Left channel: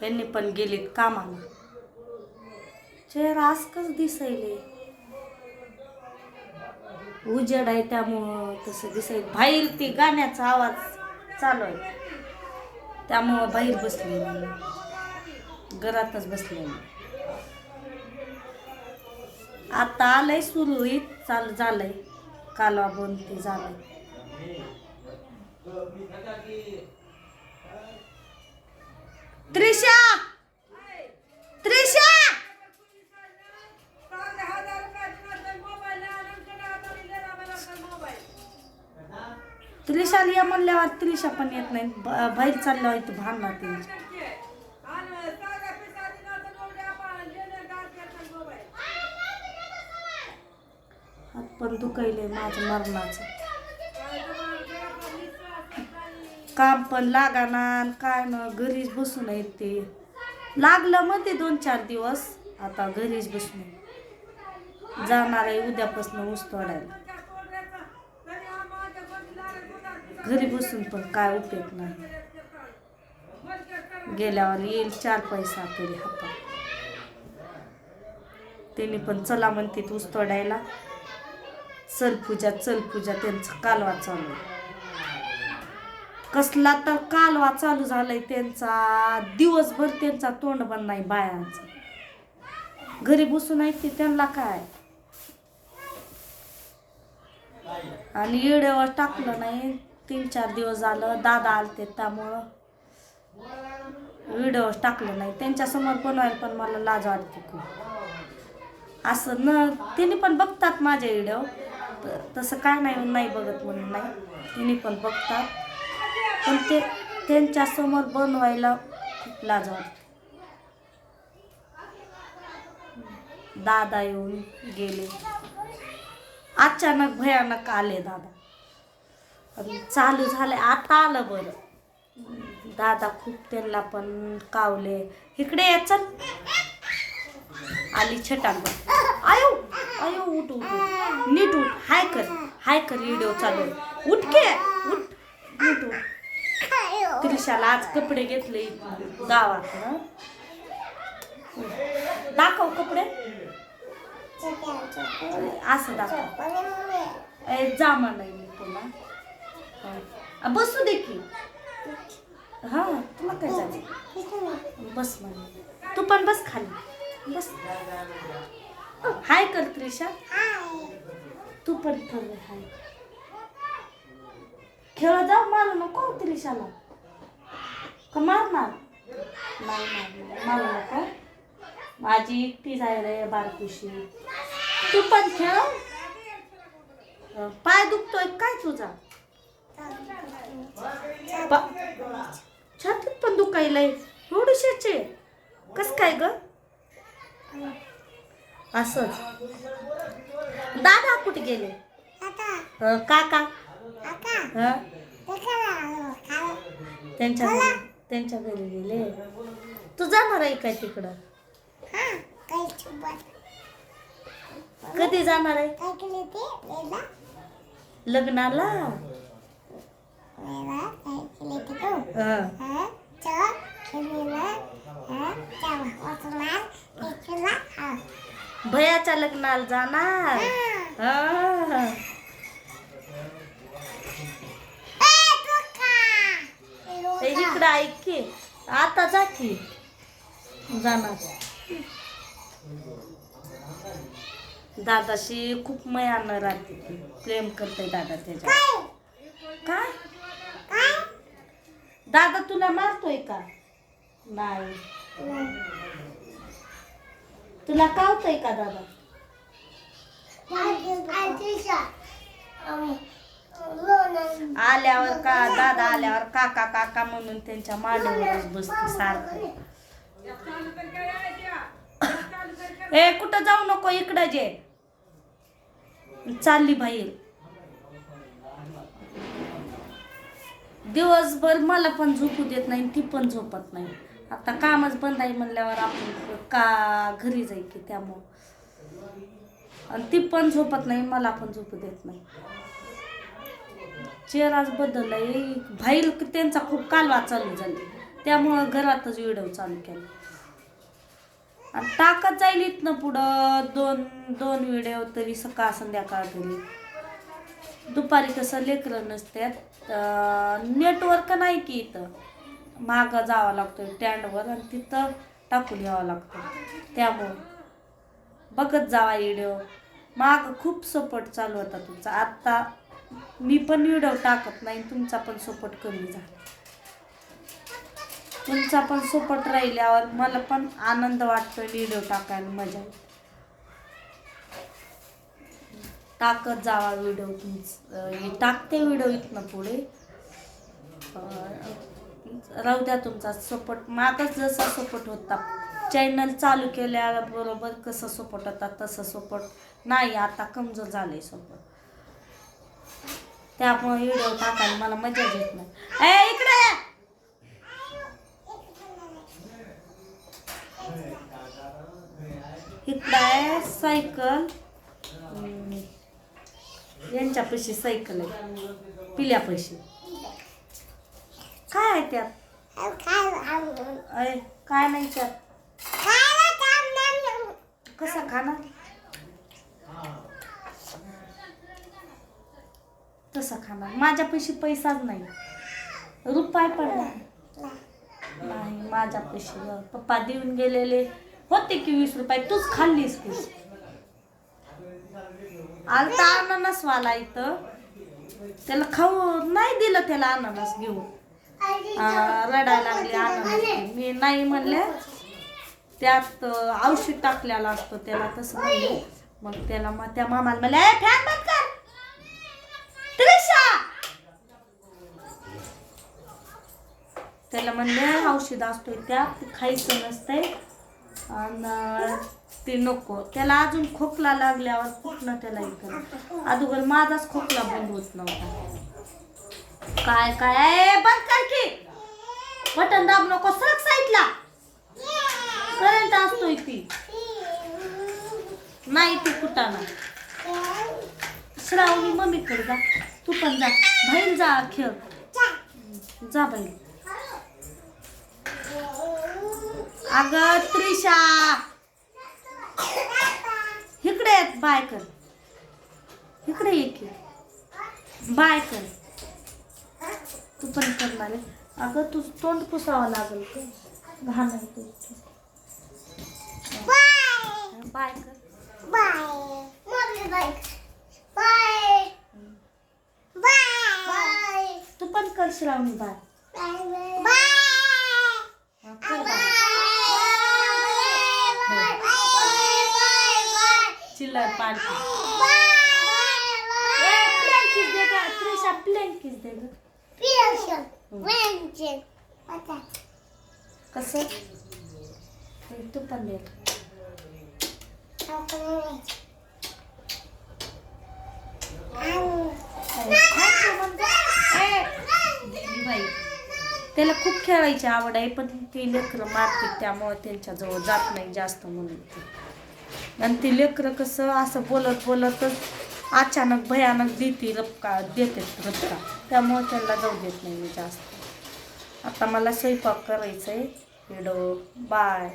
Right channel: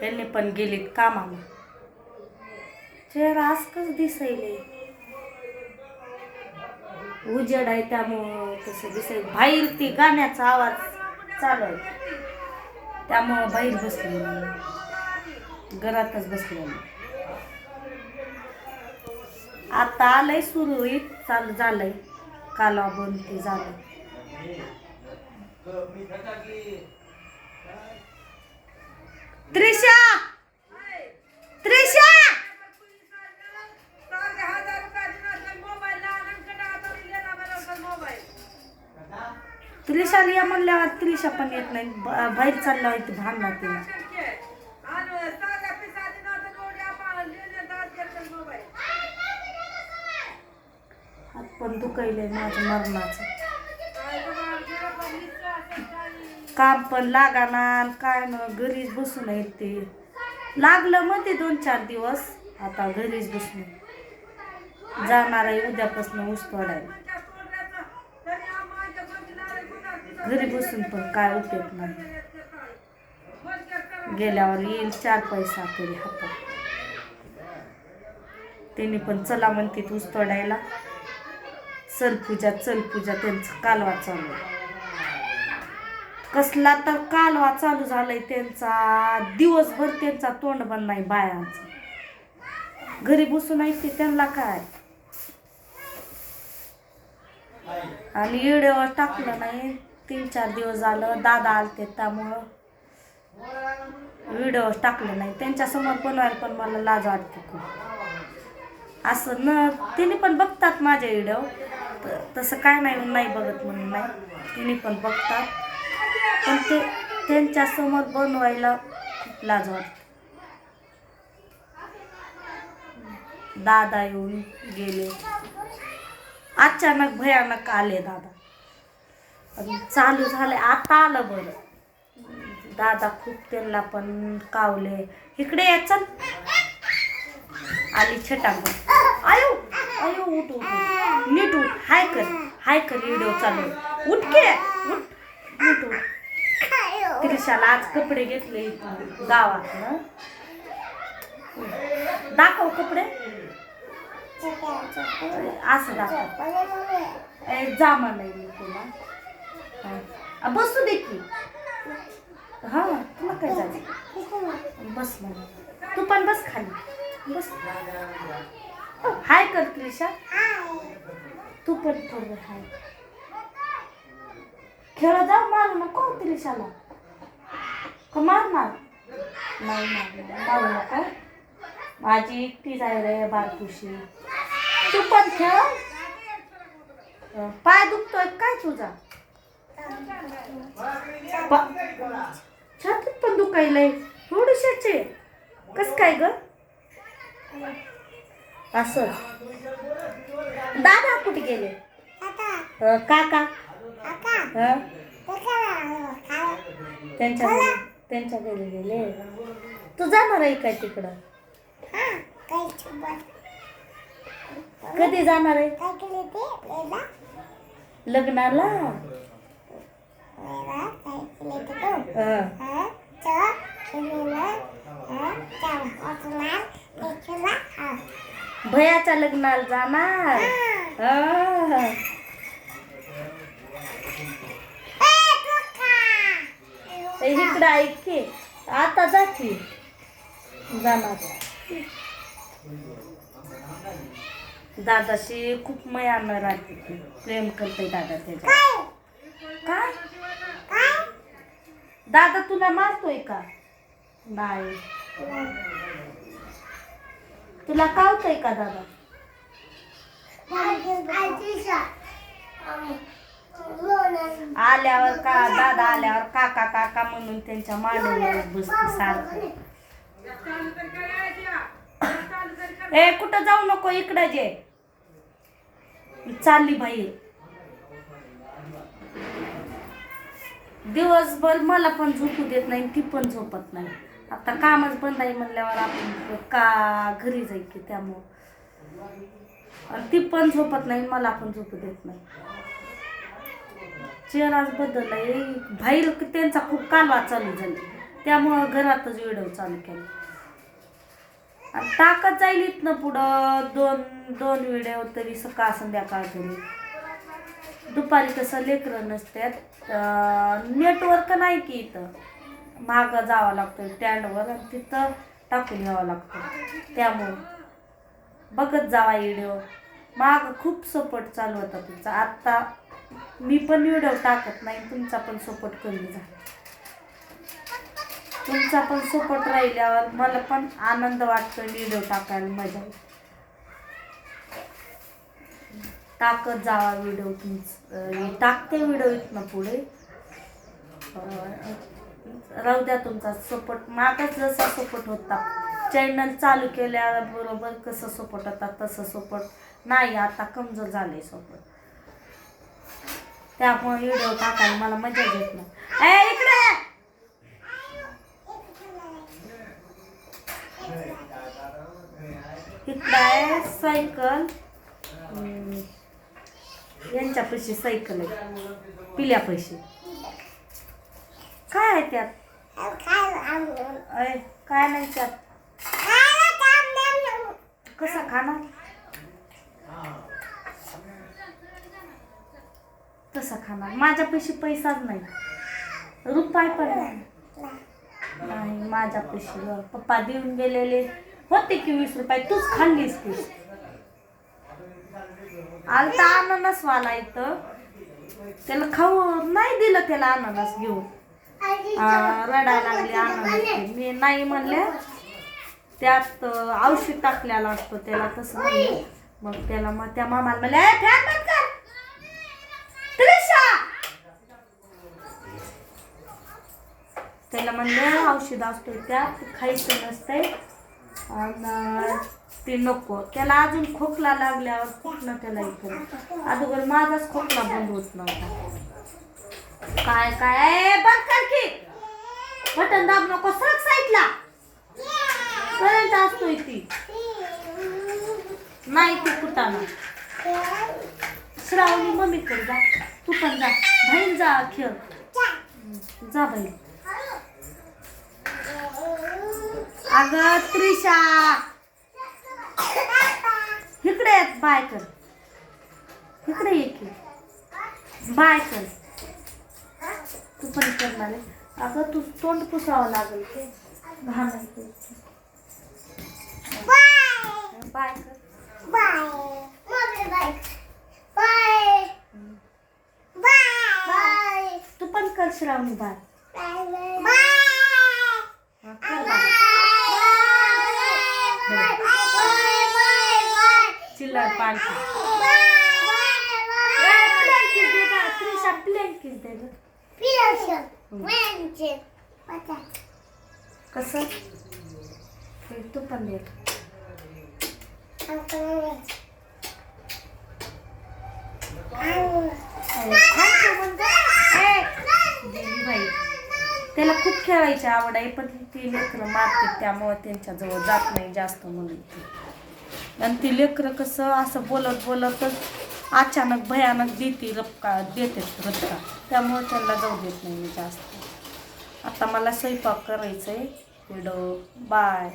त्यांनी पण गेलीत कामाला. चेहरा आसकच दिसायले, उजेड आहे त्यामुळं तसं दिसायला. बाहेर ती गाण्याचा आवाज चालू आहे त्यामुळं बाहेर बसले नाही, घरातच बसले नाही. आता आलंय सुरळीत चालू झालंय, कालवा बंद ते झालंय. त्रिशा त्रिशा त्रिशाला या म्हणल्यावर त्रिशा पण येत नाही. बाहेर चालल्यावर इथं भांडणार त्यांची. हात पण दुखायलंय माझं मरणाचं. काम पण लागाना काय ना, घरीच बसून आहेत ते. लागलं मध्ये 2-4 दिवस, आता घरीच बसून जाणार आहे उद्यापासून ऊस तोडायला. घरी बसून पण काय उपयोग नाही, गेल्यावर येईल 4 पैसा तरी हातात. त्यांनी पण चला म्हणते ऊस तोडायला. चल पूजा त्यांचं कालवा चालू आहे. कसला तर कालवा चालू झालाय त्यांचा, दिवसभर त्यांचा तोंड बंद नाही बायांचा. घरी बसून आहे ते त्यांना काय. आणि व्हिडिओ टाकलं नाही 3-4 दिवस झालं, दादा आलते त्यामुळं व्हिडिओ टाकलं नाही. त्यांच्यासमोर बनवायला पण मला लाज वाटते खूप. असं न तिने पण बघतात माझे व्हिडिओ, तसं काय नाही बघत म्हणून नाही, तिने पण बघतात. पण ते त्यांच्यासमोर बनवायला खूप लाज वाटते. दादा येऊन गेले, अचानक भयानक आले दादा. चालू झाले आता आलं बरं. दादा खूप त्यांना पण कावले. इकडे या चल. आली छटाक. आयो आयो उठ उठ नीट उठ. हाय कर व्हिडिओ चालू आहे. उठ के उठ नीट उठ. त्रिशाला आज कपडे घेतले गावात ना, दाखव कपडे. असं दाखव. जामा नाही मी तुला, बसू दे की. हा तुला काय जायचं, बस म्हणे. तू पण बस खाली बस. हाय कर त्रिशा, तू पण थोडं हाय. खेळ जाऊ, मारू नको त्रिशाला. का मारणार नाही, मारू नको. माझी एकटीच आहे रे बारकुशी. तू पण खेळ. पाय दुखतोय काय तुझा, छातीत पण दुखायलंय थोडीशाचे. कस काय ग असंच. दादा कुठे गेले, काका त्यांच्या घरी गेले. तू जाणार आहे काय तिकडं, कधी जाणार आहे लग्नाला. भयाच्या लग्नाला जाणार. इकडं ऐक की, आता जा की. जाणार दादाशी खूप मयानं राहते, प्रेम करते दादा त्याच्या. काय दादा तुला मारतोय का नाही, तुला कावतोय का दादा. आल्यावर का दादा आल्यावर काका काका म्हणून त्यांच्या मांडीवरच बसते सारखं. ए कुठं जाऊ नको, इकडं जे चालली बाहेर. दिवसभर मला पण झोपू देत नाही, ती पण झोपत नाही. आता कामच बंद आहे म्हणल्यावर आपण का घरी जाईल की, त्यामुळं. आणि ती पण झोपत नाही, मला पण झोपू देत नाही. चेहराच बदललाय. बाहेर त्यांचा खूप कालवा चालू झाला. त्यामुळं घरातच व्हिडिओ चालू केला. आणि टाकत जाईल इथनं पुढं दोन व्हिडिओ तरी सकाळ संध्याकाळ तरी. दुपारी कसं लेकरं नसतात, नेटवर्क नाही की इथं, मागं जावं लागतं स्टँडवर आणि तिथं टाकून यावं लागतं. त्यामुळं बघत जावा व्हिडिओ. मागं खूप सपोर्ट चालू होता तुमचा. आत्ता मी पण व्हिडिओ टाकत नाही, तुमचा पण सपोर्ट कमी झाला. तुमचा पण सपोर्ट राहिल्यावर मला पण आनंद वाटतो, व्हिडिओ टाकायला मजा येते. टाकत जावा व्हिडिओ. टाकते व्हिडिओ इथनं पुढे. राहू द्या तुमचा सपोर्ट. मागच जसा सपोर्ट होता चॅनल चालू केल्याबरोबर कसं सपोर्ट होता तसं सपोर्ट नाही, आता कमजोर झाले सपोर्ट. त्यामुळे व्हिडिओ टाकायला मला मजा येत नाही. इकडे इकडं आहे सायकल. यांच्यापाशी सायकल आहे, पिल्यापाशी. काय आहे त्यात? काय नाही त्यात. कसं खाणार? तसं खाणार. माझ्यापाशी पैसाच नाही, रुपये पण नाही माझ्यापाशी. पप्पा देऊन गेलेले होते की 20 रुपये, तूच खाल्लीस की. आलता अननस वाला इथं, त्याला खाऊ नाही दिलं, त्याला अननस घेऊन रडायला लागली. अननस मी नाही म्हणले, त्यात औषध टाकलेला असतो त्याला, तसं म्हणले. मग त्याला त्या मामाला म्हणले फॅन बंद कर त्रिशा. त्याला म्हणले औषध असतोय त्यात, खायचं नसतंय आणि ते नको. त्याला अजून खोकला लागल्यावर कुठनं त्याला इकडं. अगोदर माझाच खोकला बंद होत नव्हता. काय काय बंद कर की, बटन दाब नको, सरक साईडला. करंट असतोय ती नाही, ती कुटाना. श्रावणी मम्मीकडे जा, तू पण जा, बाहेर जा, खेळ जा बाहेर. अगं त्रिशा इकडे बाय कर, इकडे ये की बाय कर. तू पण करणार आहे. अगं तू तोंड पुसावं लागेल, ते घाण आहे. बाय कर. तू पण कर श्रावणी बाय. कर बाय. चिल्लर पालखी. प्लेन किस देगा त्रिशा, प्लेन किस देगा. कसं तू पण दे. बाई त्याला खूप खेळायची आवड आहे, पण ती लेकरं मारते त्यामुळे त्यांच्याजवळ जात नाही जास्त म्हणून ती. आणि ती लेकरं कसं असं बोलत बोलतच अचानक भयानक देते रपका, त्यामुळे त्यांना जाऊ देत नाही मी जास्त. आता मला स्वयंपाक करायचं आहे. Video bye.